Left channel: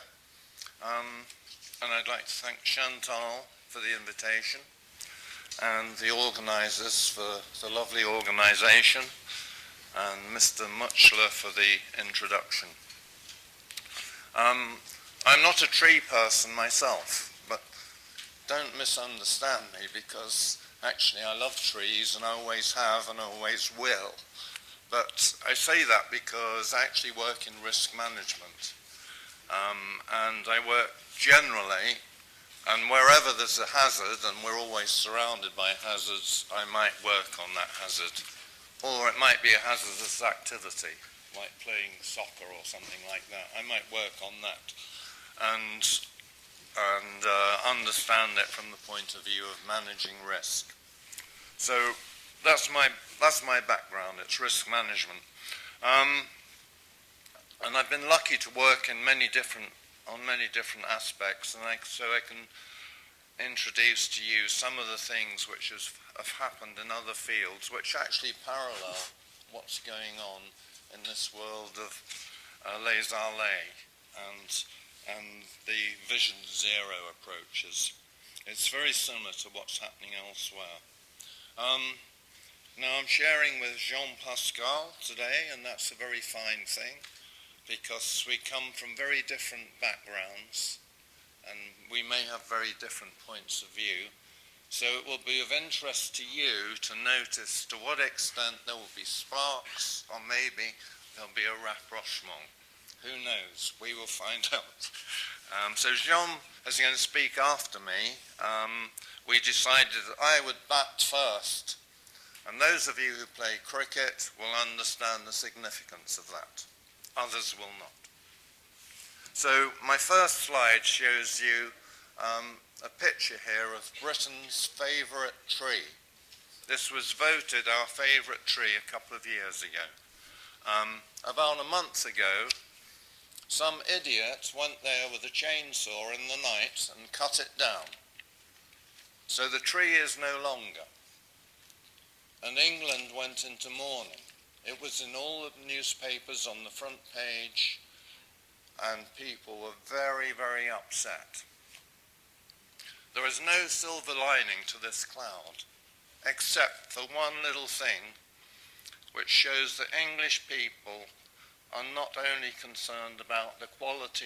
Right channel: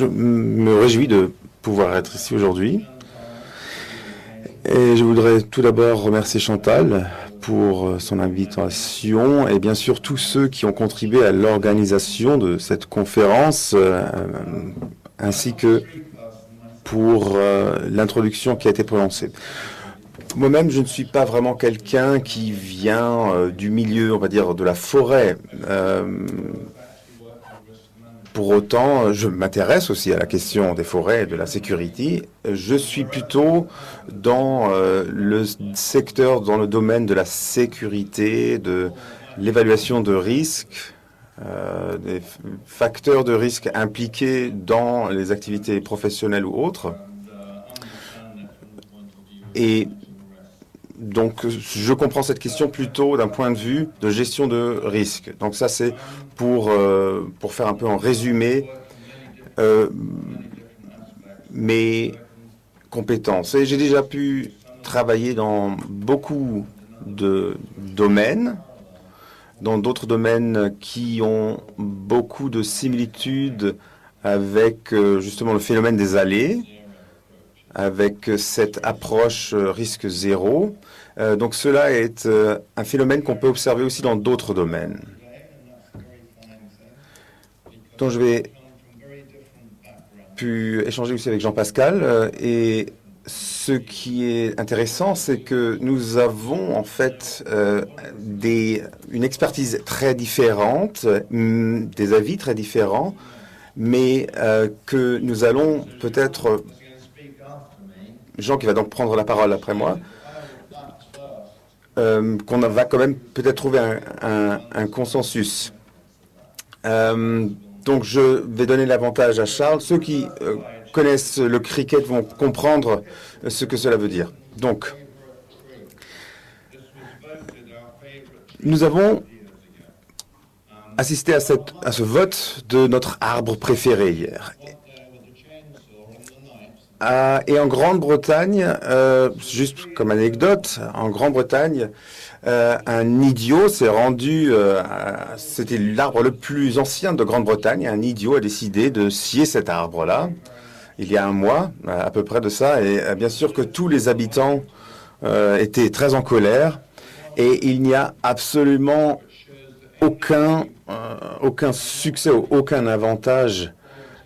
Je me réjouis de pouvoir être ici aujourd'hui. Et je voudrais tout d'abord remercier Chantal pour son invitation et bien sûr tous ceux qui ont contribué à l'organisation de cette conférence ainsi que pour l'introduction qui a été prononcée. Moi-même, je ne suis pas vraiment quelqu'un qui vient du milieu, on va dire, de la forêt. Pour autant, je m'intéresse aussi à la question des forêts et de la sécurité. Je suis plutôt dans le secteur, dans le domaine de la sécurité, de l'évaluation de risques, des facteurs de risque impliqués dans les activités professionnelles ou autres. Et donc, je comprends cette question plutôt d'un point de vue de gestion de risque. Donc ça, c'est pour faire un peu en résumé mes compétences. Et j'ai déjà pu travailler dans beaucoup de domaines, dans d'autres domaines qui ont beaucoup de similitudes avec justement le phénomène des allées, avec cette approche risque zéro. Donc cela est un phénomène qu'on peut observer aussi dans d'autres domaines. Donc je vais pu échanger aussi avec Jean-Pascal et ce qui est intéressant, c'est que nous avons en fait une expertise très différente, des avis très différents, mais que nous allons peut-être... Jean qui va donc prendre la parole après moi, qu'on va quand même peut-être trouver un consensus. Donc je vais donner l'avantage à Charles. Ceux qui connaissent le cricket vont comprendre ce que cela veut dire. Donc, nous avons assisté à ce vote de notre arbre préféré hier. Et en Grande-Bretagne, juste comme anecdote, en Grande-Bretagne, un idiot s'est rendu, c'était l'arbre le plus ancien de Grande-Bretagne, un idiot a décidé de scier cet arbre-là, il y a un mois, à peu près de ça, et bien sûr que tous les habitants étaient très en colère, et il n'y a absolument aucun succès, aucun avantage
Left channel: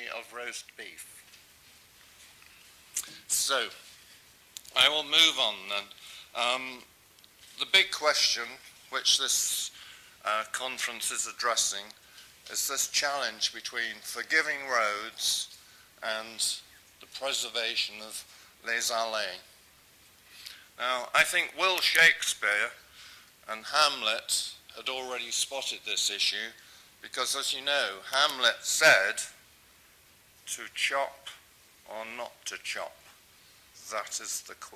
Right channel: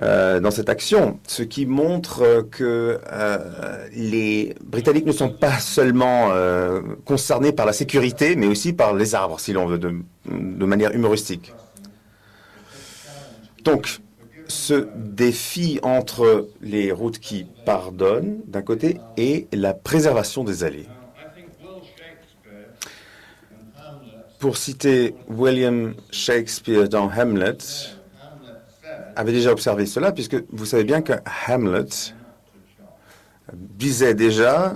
dans cette action, ce qui montre que les Britanniques ne sont pas seulement concernés par la sécurité, mais aussi par les arbres, si l'on veut, de manière humoristique. Donc, ce défi entre les routes qui pardonnent, d'un côté, et la préservation des allées. Pour citer William Shakespeare dans Hamlet, avait déjà observé cela, puisque vous savez bien que Hamlet disait déjà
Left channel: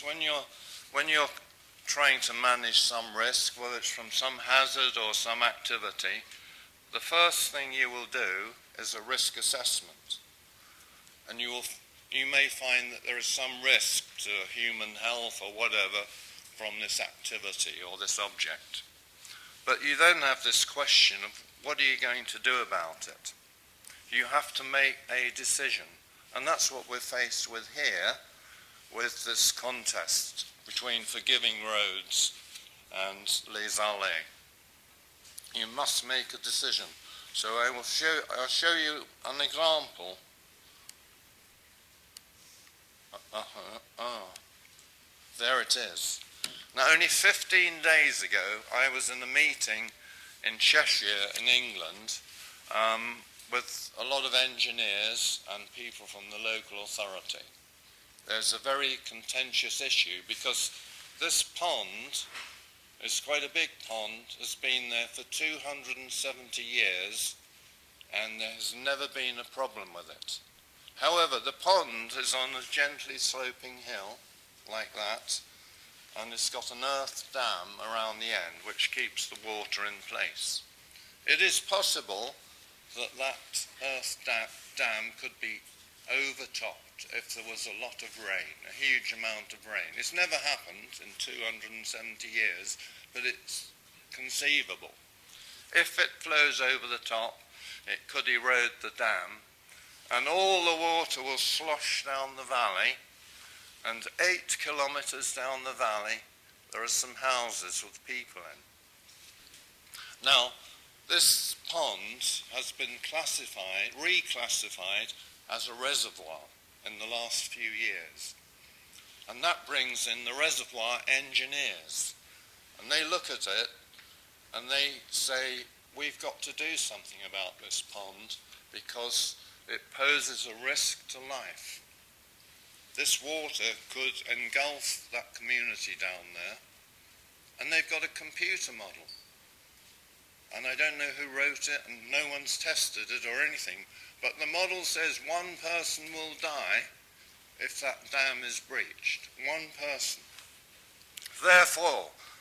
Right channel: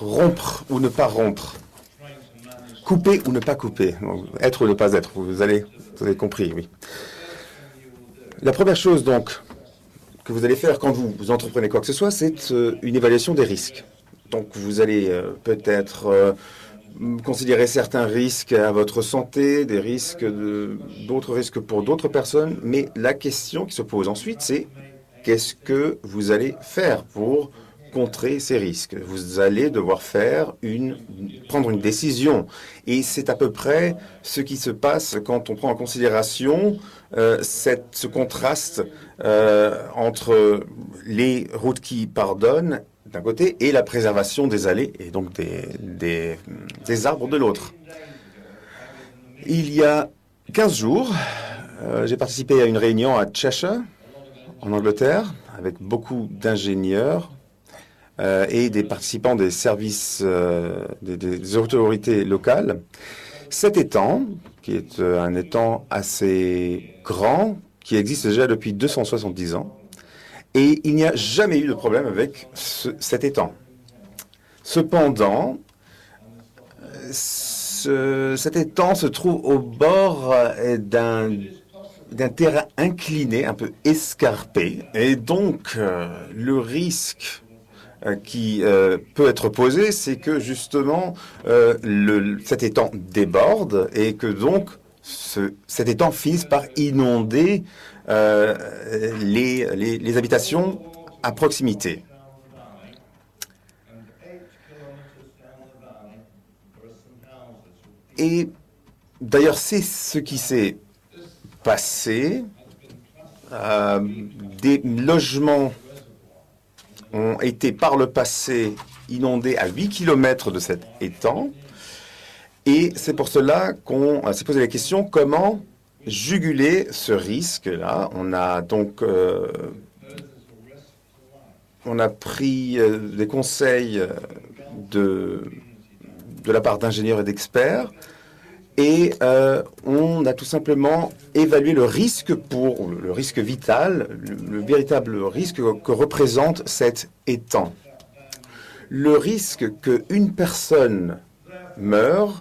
rompre ou ne pas rompre, couper ou ne pas couper, être ou ne pas être, vous avez compris, oui. La première chose donc que vous allez faire quand vous entreprenez quoi que ce soit, c'est une évaluation des risques. Donc vous allez peut-être considérer certains risques à votre santé, des risques, d'autres risques pour d'autres personnes, mais la question qui se pose ensuite, c'est qu'est-ce que vous allez faire pour contrer ces risques? Vous allez devoir prendre une décision, et c'est à peu près ce qui se passe quand on prend en considération ce contraste entre les routes qui pardonnent d'un côté et la préservation des allées et donc des arbres de l'autre. Il y a 15 jours, j'ai participé à une réunion à Cheshire, en Angleterre, avec beaucoup d'ingénieurs et des participants des services des autorités locales. Cet étang, qui est un étang assez grand, qui existe déjà depuis 270 ans, et il n'y a jamais eu de problème avec cet étang. Cependant, cet étang se trouve au bord d'un terrain incliné, un peu escarpé, et donc le risque qui peut être posée, c'est que justement cet étang déborde et que donc cet étang finisse par inonder les habitations à proximité. Et d'ailleurs, c'est ce qui s'est passé. Des logements ont été par le passé inondés à 8 km de cet étang. Et c'est pour cela qu'on s'est posé la question comment juguler ce risque-là. On a donc on a pris des conseils de la part d'ingénieurs et d'experts et on a tout simplement évalué le risque le risque vital, le véritable risque que représente cet étang. Le risque qu'une personne meure,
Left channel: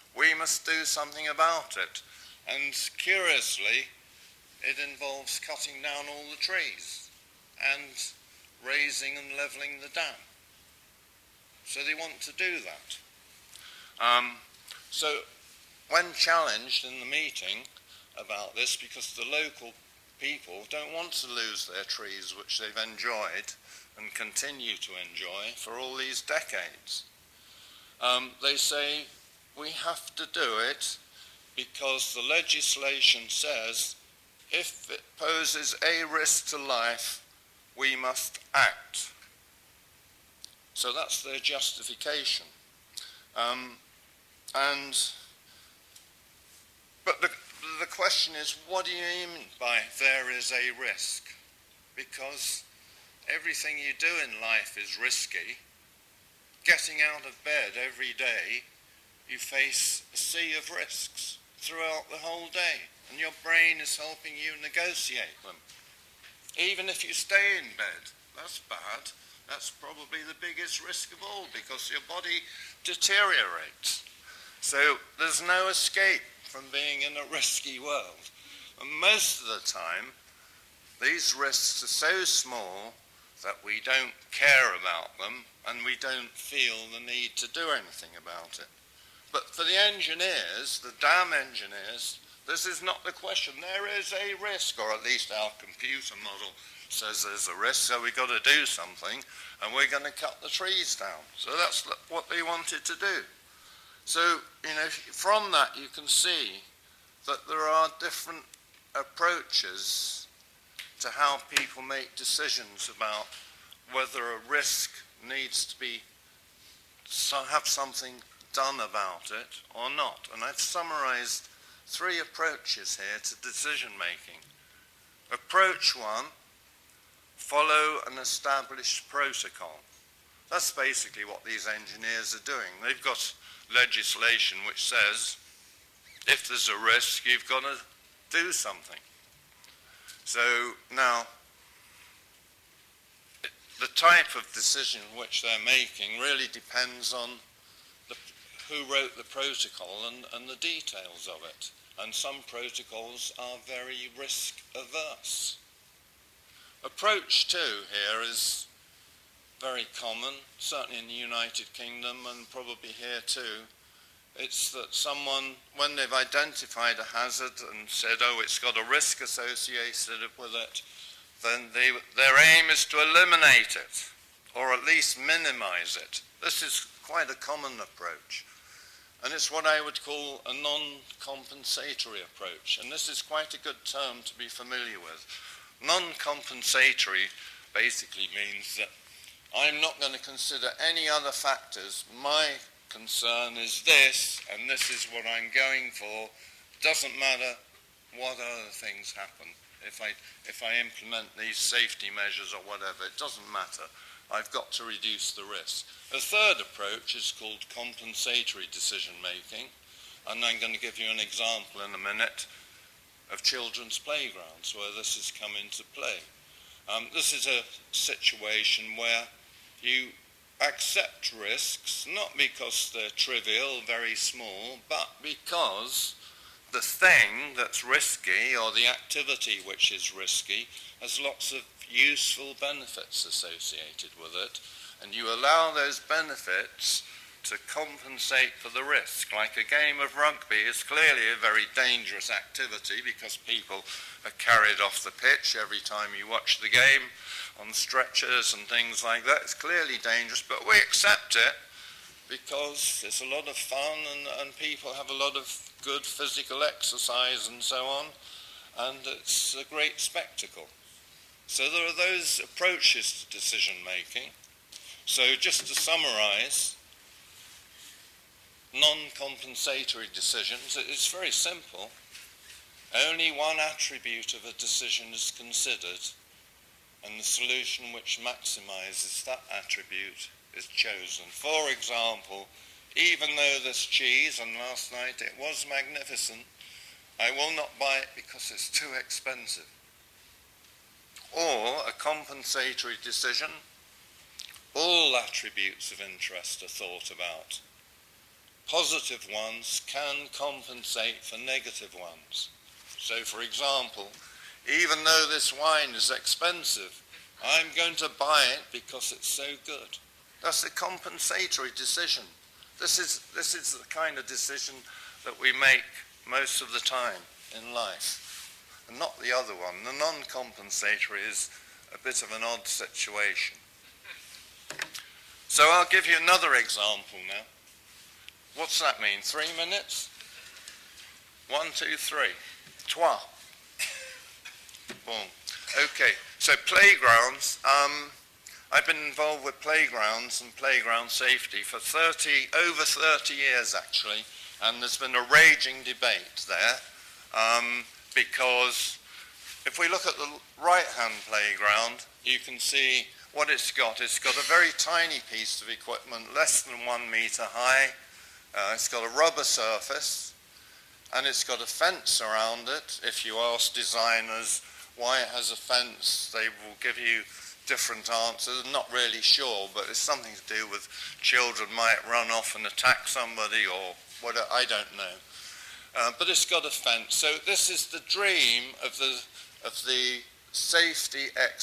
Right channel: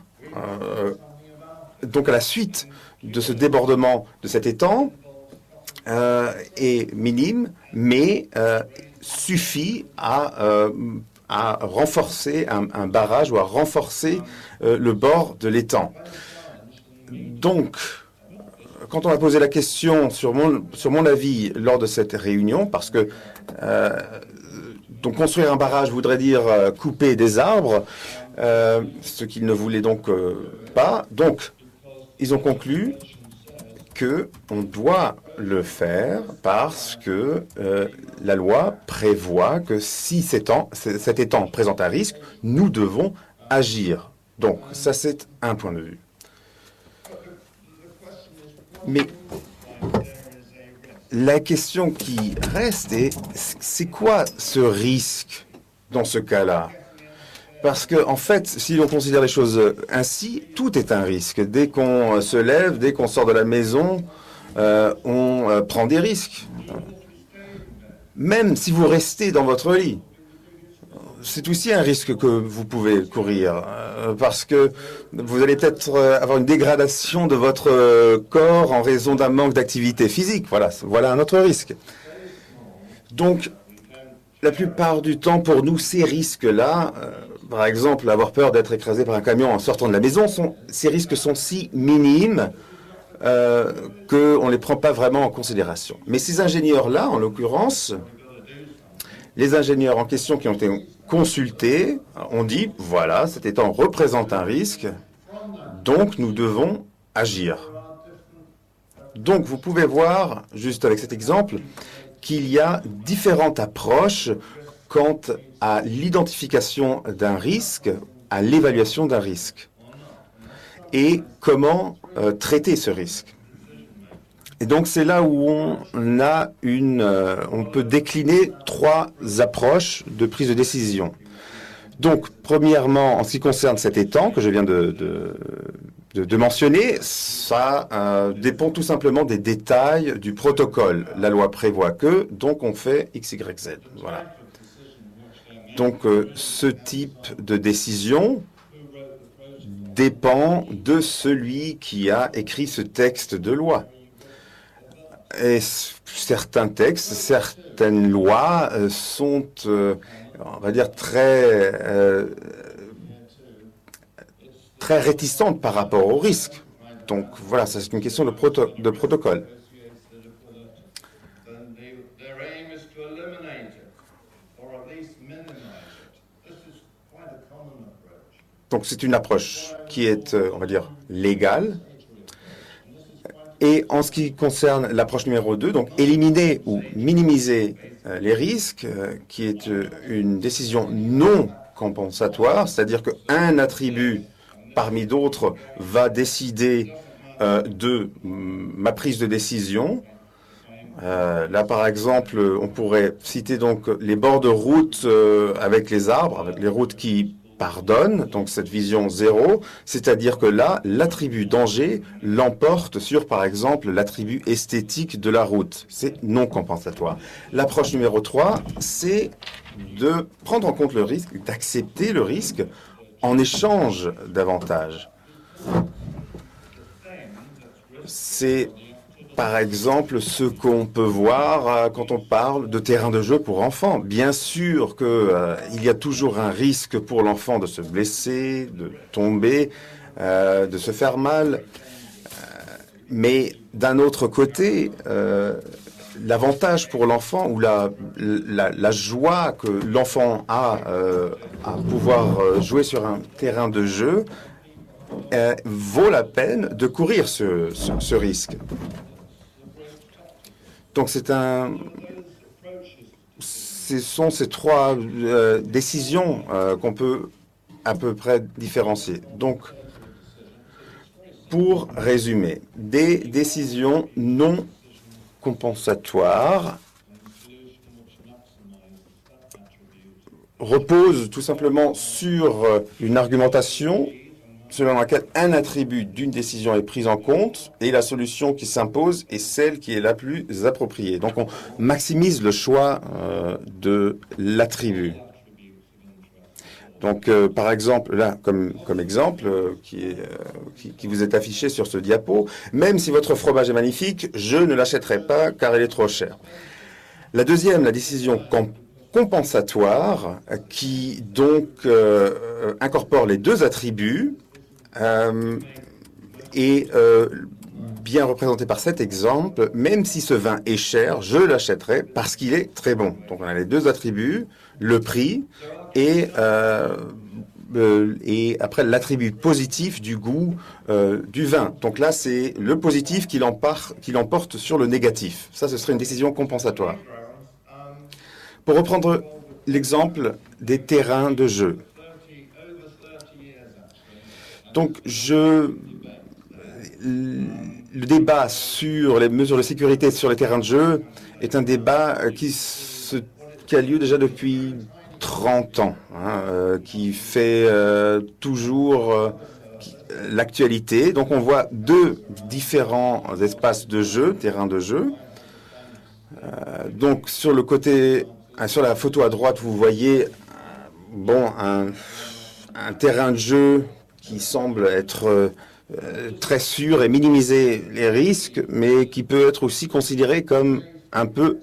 donc à la suite de ce débordement de cet étang, est minime, mais suffit à renforcer un barrage ou à renforcer le bord de l'étang. Donc, quand on a posé la question sur mon avis lors de cette réunion, parce que donc construire un barrage voudrait dire couper des arbres, ce qu'ils ne voulaient donc pas. Donc, ils ont conclu qu'on doit le faire parce que la loi prévoit que si cet étang présente un risque, nous devons agir. Donc, ça c'est un point de vue. Mais la question qui reste est, c'est quoi ce risque dans ce cas-là? Parce qu'en fait, si l'on considère les choses ainsi, tout est un risque. Dès qu'on se lève, dès qu'on sort de la maison, on prend des risques. Même si vous restez dans votre lit, c'est aussi un risque que vous pouvez courir, parce que vous allez peut-être avoir une dégradation de votre corps en raison d'un manque d'activité physique. Voilà un autre risque. Donc, la plupart du temps, pour nous, ces risques-là, par exemple, avoir peur d'être écrasé par un camion en sortant de la maison, ces risques sont si minimes qu'on ne les prend pas vraiment en considération. Mais ces ingénieurs-là, en l'occurrence, les ingénieurs en question qui ont été consultés ont dit, voilà, cet étang représente un risque, donc nous devons agir. Donc vous pouvez voir, juste avec cet exemple, qu'il y a différentes approches quant à l'identification d'un risque, à l'évaluation d'un risque, et comment traiter ce risque. Et donc c'est là où on peut décliner trois approches de prise de décision. Donc, premièrement, en ce qui concerne cet étang que je viens de mentionner, ça dépend tout simplement des détails du protocole. La loi prévoit que, donc on fait X, Y, Z. Donc ce type de décision dépend de celui qui a écrit ce texte de loi. Et certains textes, certaines lois sont, on va dire, très réticentes par rapport au risque. Donc voilà, c'est une question de protocole. Donc c'est une approche qui est, on va dire, légale. Et en ce qui concerne l'approche numéro 2, donc éliminer ou minimiser les risques, qui est une décision non compensatoire, c'est-à-dire qu'un attribut parmi d'autres va décider de ma prise de décision. Là, par exemple, on pourrait citer donc les bords de route avec les arbres, les routes qui pardonnent, donc cette vision zéro, c'est-à-dire que là, l'attribut danger l'emporte sur, par exemple, l'attribut esthétique de la route. C'est non compensatoire. L'approche numéro 3, c'est de prendre en compte le risque, d'accepter le risque en échange d'avantages. C'est par exemple ce qu'on peut voir quand on parle de terrain de jeu pour enfants. Bien sûr qu'il y a toujours un risque pour l'enfant de se blesser, de tomber, de se faire mal. Mais d'un autre côté, l'avantage pour l'enfant ou la joie que l'enfant a à pouvoir jouer sur un terrain de jeu vaut la peine de courir ce risque. Donc ce sont ces trois décisions qu'on peut à peu près différencier. Donc, pour résumer, des décisions non compensatoires reposent tout simplement sur une argumentation selon laquelle un attribut d'une décision est pris en compte et la solution qui s'impose est celle qui est la plus appropriée. Donc on maximise le choix de l'attribut. Donc par exemple, là, comme exemple qui vous est affiché sur ce diapo, même si votre fromage est magnifique, je ne l'achèterai pas car il est trop cher. La deuxième, la décision compensatoire, qui donc incorpore les deux attributs, est bien représentée par cet exemple. Même si ce vin est cher, je l'achèterai parce qu'il est très bon. Donc on a les deux attributs, le prix et après l'attribut positif du goût du vin. Donc là, c'est le positif qui l'emporte sur le négatif. Ça, ce serait une décision compensatoire. Pour reprendre l'exemple des terrains de jeu. Donc, le débat sur les mesures de sécurité sur les terrains de jeu est un débat qui a lieu déjà depuis 30 ans, qui fait toujours l'actualité. Donc on voit deux différents espaces de jeu, terrains de jeu. Donc sur le côté, sur la photo à droite, vous voyez un terrain de jeu qui semble être très sûr et minimiser les risques, mais qui peut être aussi considéré comme un peu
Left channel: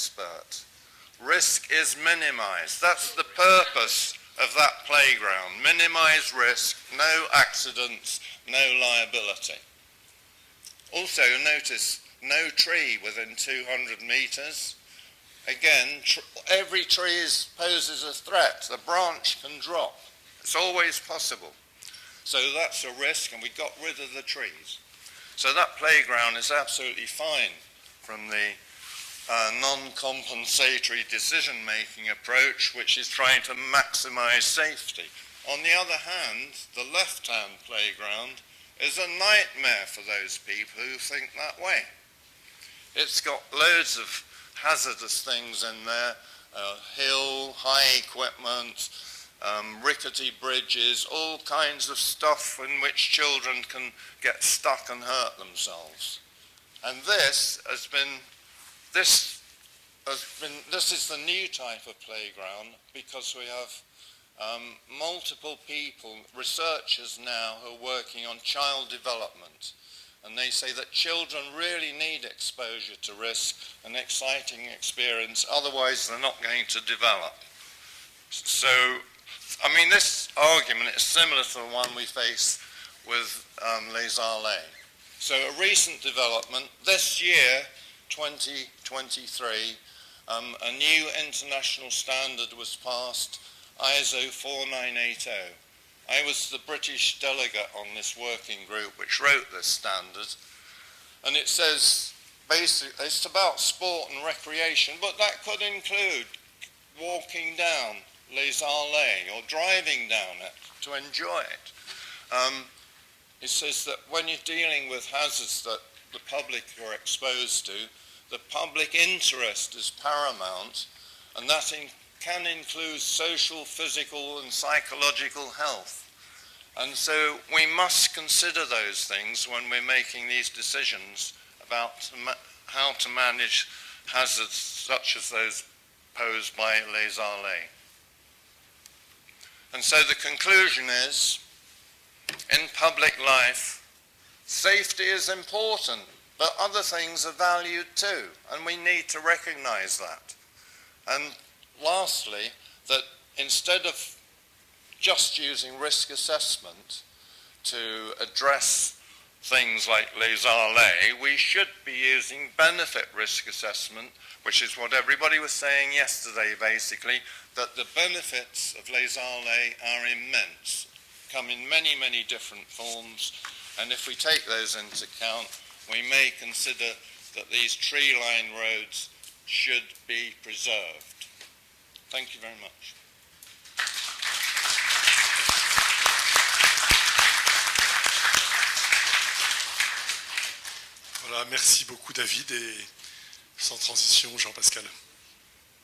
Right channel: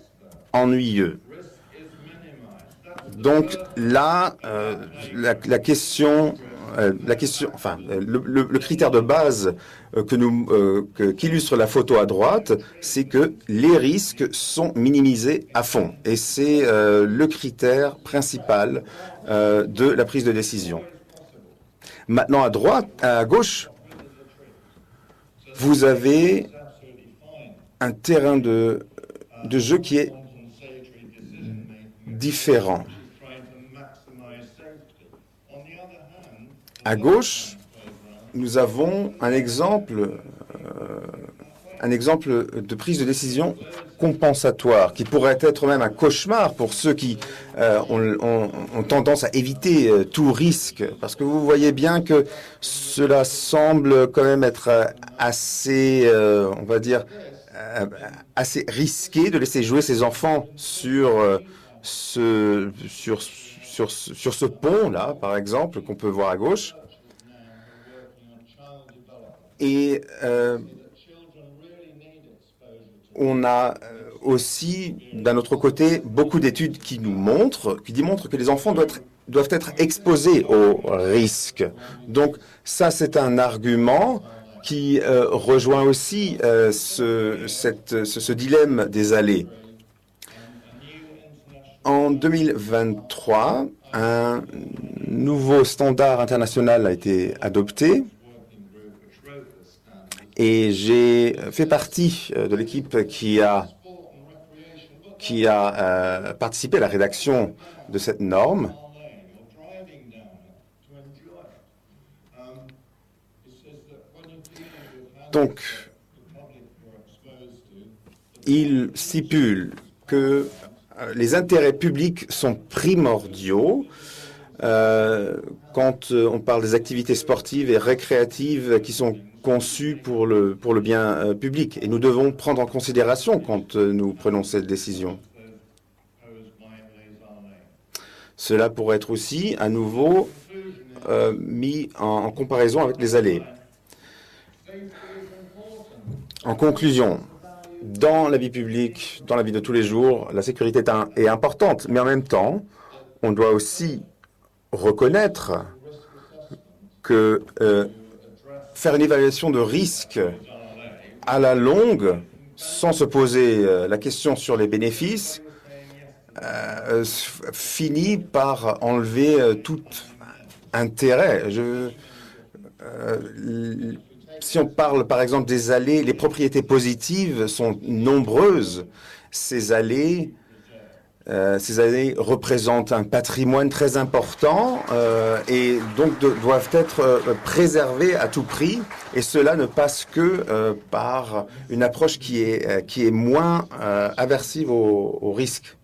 ennuyeux. Donc là, le critère de base qu'illustre la photo à droite, c'est que les risques sont minimisés à fond. Et c'est le critère principal de la prise de décision. Maintenant, à gauche, vous avez un terrain de jeu qui est différent. À gauche, nous avons un exemple de prise de décision compensatoire, qui pourrait être même un cauchemar pour ceux qui ont tendance à éviter tout risque, parce que vous voyez bien que cela semble quand même être assez, on va dire, assez risqué de laisser jouer ses enfants sur ce pont-là, par exemple, qu'on peut voir à gauche. Et on a aussi, d'un autre côté, beaucoup d'études qui démontrent que les enfants doivent être exposés au risque. Donc ça, c'est un argument qui rejoint aussi ce dilemme des allées. En 2023, un nouveau standard international a été adopté et j'ai fait partie de l'équipe qui a participé à la rédaction de cette norme. Donc, il stipule que les intérêts publics sont primordiaux quand on parle des activités sportives et récréatives qui sont conçues pour le bien public. Et nous devons prendre en considération quand nous prenons cette décision. Cela pourrait être aussi à nouveau mis en comparaison avec les allées. En conclusion, dans la vie publique, dans la vie de tous les jours, la sécurité est importante, mais en même temps, on doit aussi reconnaître que faire une évaluation de risque à la longue, sans se poser la question sur les bénéfices, finit par enlever tout intérêt. Si on parle par exemple des allées, les propriétés positives sont nombreuses. Ces allées représentent un patrimoine très important et donc doivent être préservées à tout prix. Et cela ne passe que par une approche qui est moins aversive au risque.